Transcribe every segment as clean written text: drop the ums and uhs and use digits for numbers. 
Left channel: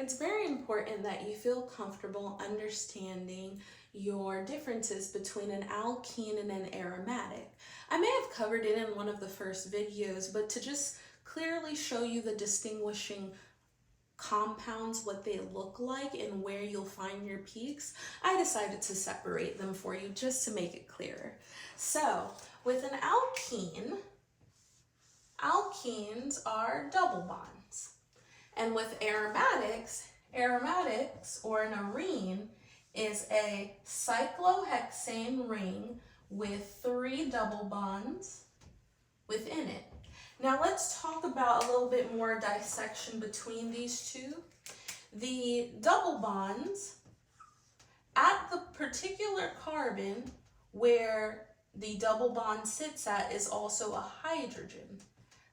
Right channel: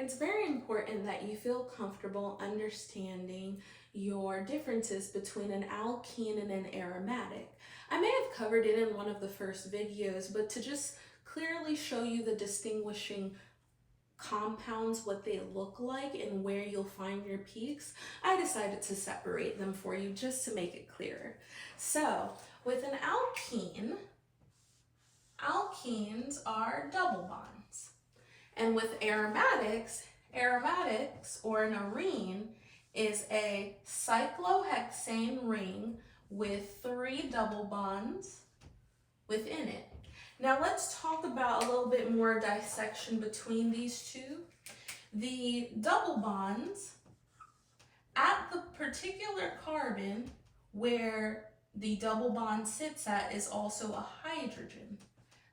It's very important that you feel comfortable understanding your differences between an alkene and an aromatic. I may have covered it in one of the first videos, but to just clearly show you the distinguishing compounds, what they look like, and where you'll find your peaks, I decided to separate them for you just to make it clearer. So with an alkene, alkenes are double bonds. And with aromatics, or an arene is a cyclohexane ring with 3 double bonds within it. Now let's talk about a little bit more dissection between these two. The double bonds at the particular carbon where the double bond sits at is also a hydrogen.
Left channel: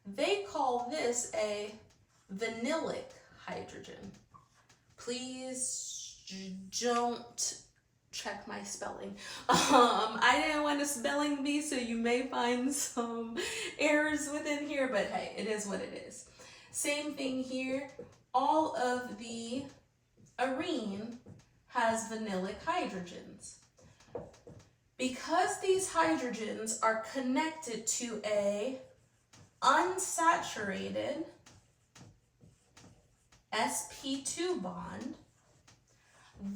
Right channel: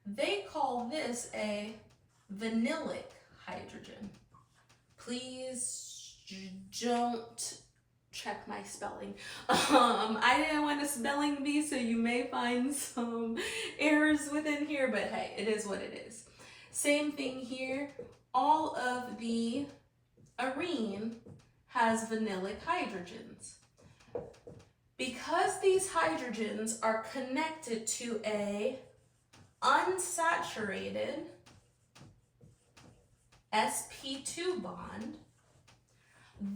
They call this a vinylic hydrogen. Please don't check my spelling. I didn't want a spelling bee, so you may find some errors within here, but hey, it is what it is. Same thing here. All of the arene has vinylic hydrogens. Because these hydrogens are connected to a unsaturated sp2 bond,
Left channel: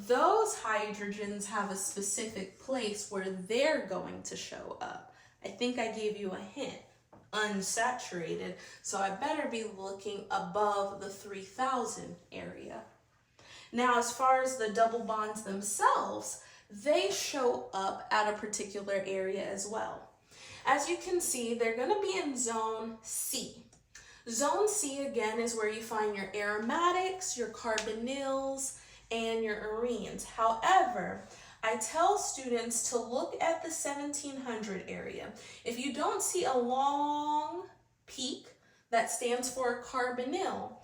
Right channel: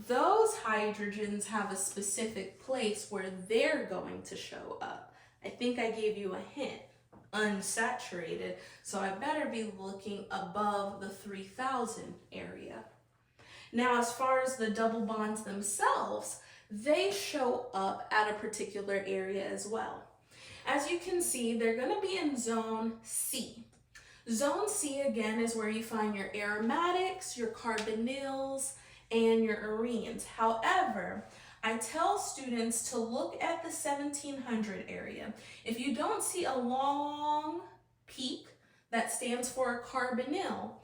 those hydrogens have a specific place where they're going to show up. I think I gave you a hint, unsaturated, so I better be looking above the 3000 area. Now, as far as the double bonds themselves, they show up at a particular area as well. As you can see, they're going to be in zone C. Zone C, again, is where you find your aromatics, your carbonyls, and your arenes. However, I tell students to look at the 1700 area. If you don't see a long peak that stands for a carbonyl,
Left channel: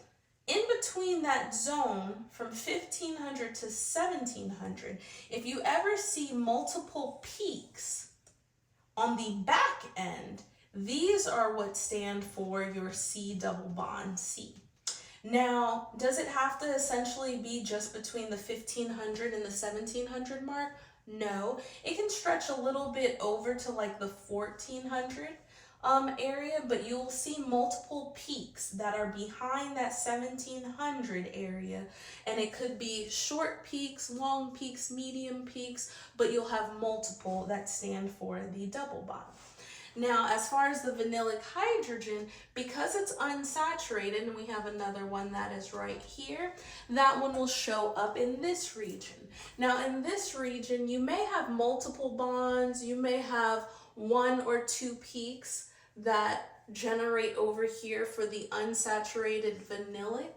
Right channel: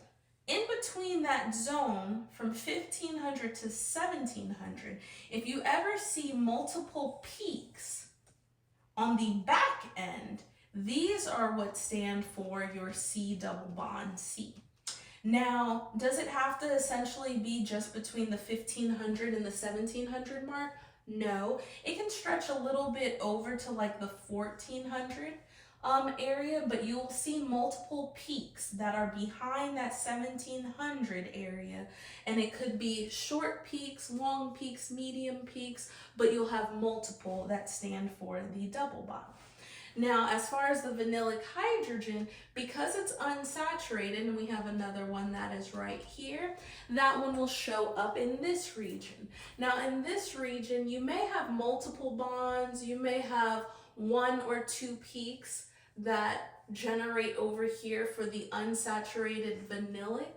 in between that zone from 1500 to 1700, if you ever see multiple peaks on the back end, these are what stand for your C double bond C. Now, does it have to essentially be just between the 1500 and the 1700 mark? No, it can stretch a little bit over to like the 1400 area, but you'll see multiple peaks that are behind that 1700 area, and it could be short peaks, long peaks, medium peaks, but you'll have multiple that stand for the double bond. Now, as far as the vinylic hydrogen, because it's unsaturated, and we have another one that is right here, that one will show up in this region. Now, in this region, you may have multiple bonds, you may have 1 or 2 peaks that generate over here for the unsaturated vinylic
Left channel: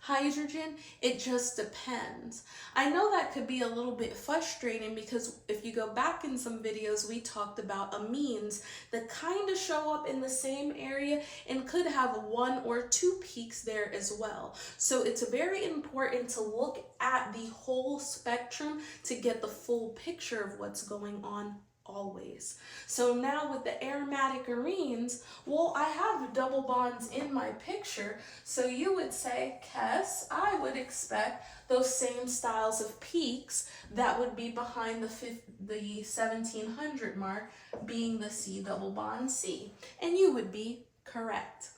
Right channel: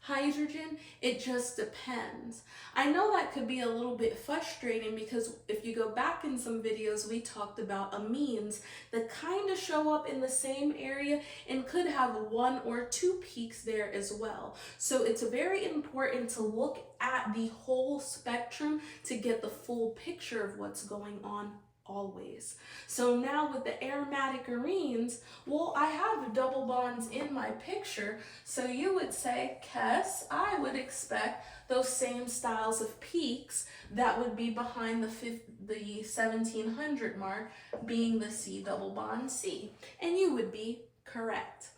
hydrogen. It just depends. I know that could be a little bit frustrating because if you go back in some videos, we talked about amines that kind of show up in the same area and could have 1 or 2 peaks there as well. So it's very important to look at the whole spectrum to get the full picture of what's going on always. So now with the aromatic arenes, well, I have double bonds in my picture, so you would say, Kess, I would expect those same styles of peaks that would be behind the 1700 mark, being the C double bond C, and you would be correct.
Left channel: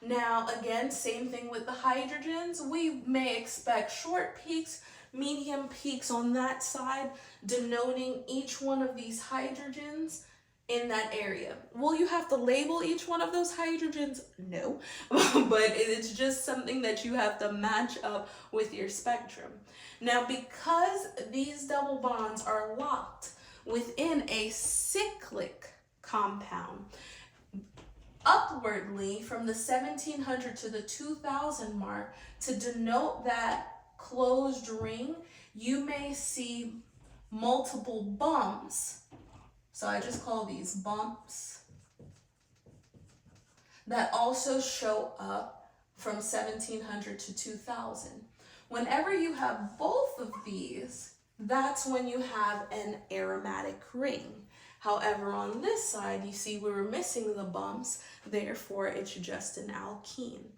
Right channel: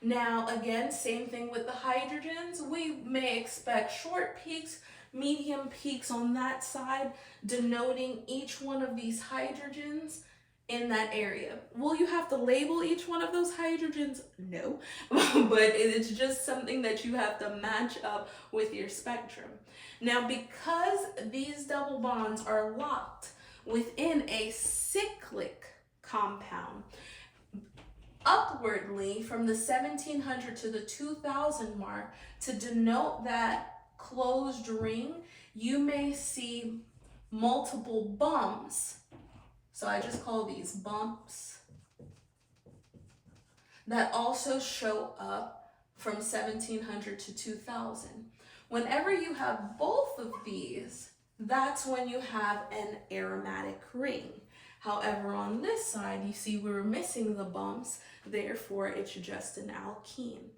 Now again, same thing with the hydrogens. We may expect short peaks, medium peaks on that side, denoting each one of these hydrogens in that area. Will you have to label each one of those hydrogens? No, but it's just something that you have to match up with your spectrum. Now, because these double bonds are locked within a cyclic compound, upwardly from the 1700 to the 2000 mark, to denote that closed ring, you may see multiple bumps. So I just call these bumps that also show up from 1700 to 2000. Whenever you have both of these, that's when you have an aromatic ring. However, on this side, you see we were missing the bumps, therefore it's just an alkene.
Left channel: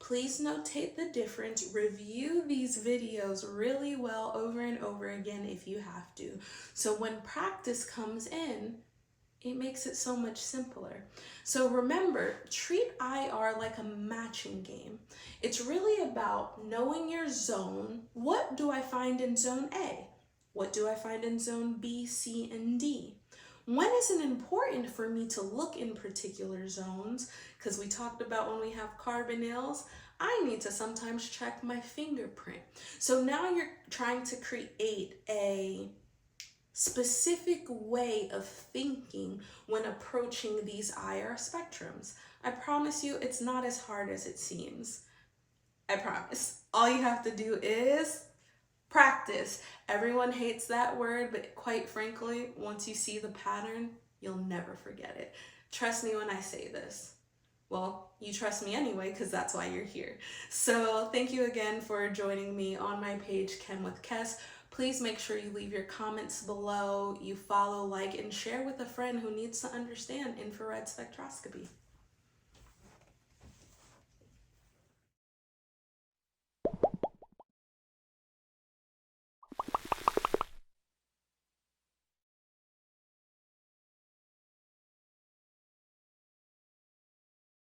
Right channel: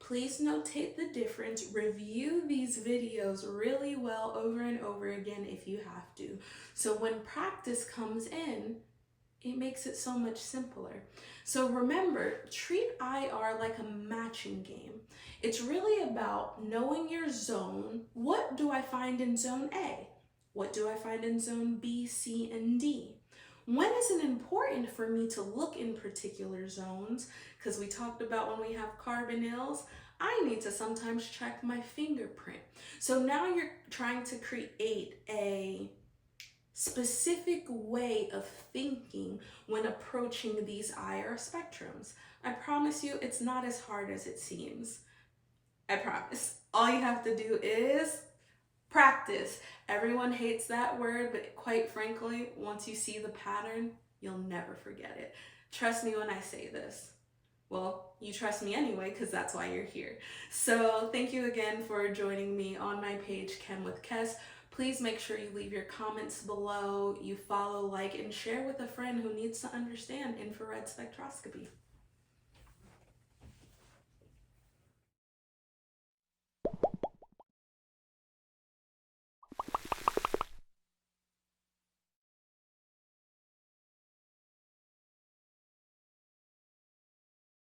Please notate the difference. Review these videos really well over and over again if you have to. So when practice comes in, it makes it so much simpler. So remember, treat IR like a matching game. It's really about knowing your zone. What do I find in zone A? What do I find in zone B, C, and D? When is it important for me to look in particular zones? Because we talked about when we have carbonyls, I need to sometimes check my fingerprint. So now you're trying to create a specific way of thinking when approaching these IR spectrums. I promise you, it's not as hard as it seems. I promise. All you have to do is practice. Everyone hates that word, but quite frankly, once you see the pattern, you'll never forget it. Trust me when I say this. Well, you trust me anyway, because that's why you're here. So thank you again for joining me on my page, KhemWithKess. Please make sure you leave your comments below, you follow, like, and share with a friend who needs to understand infrared spectroscopy.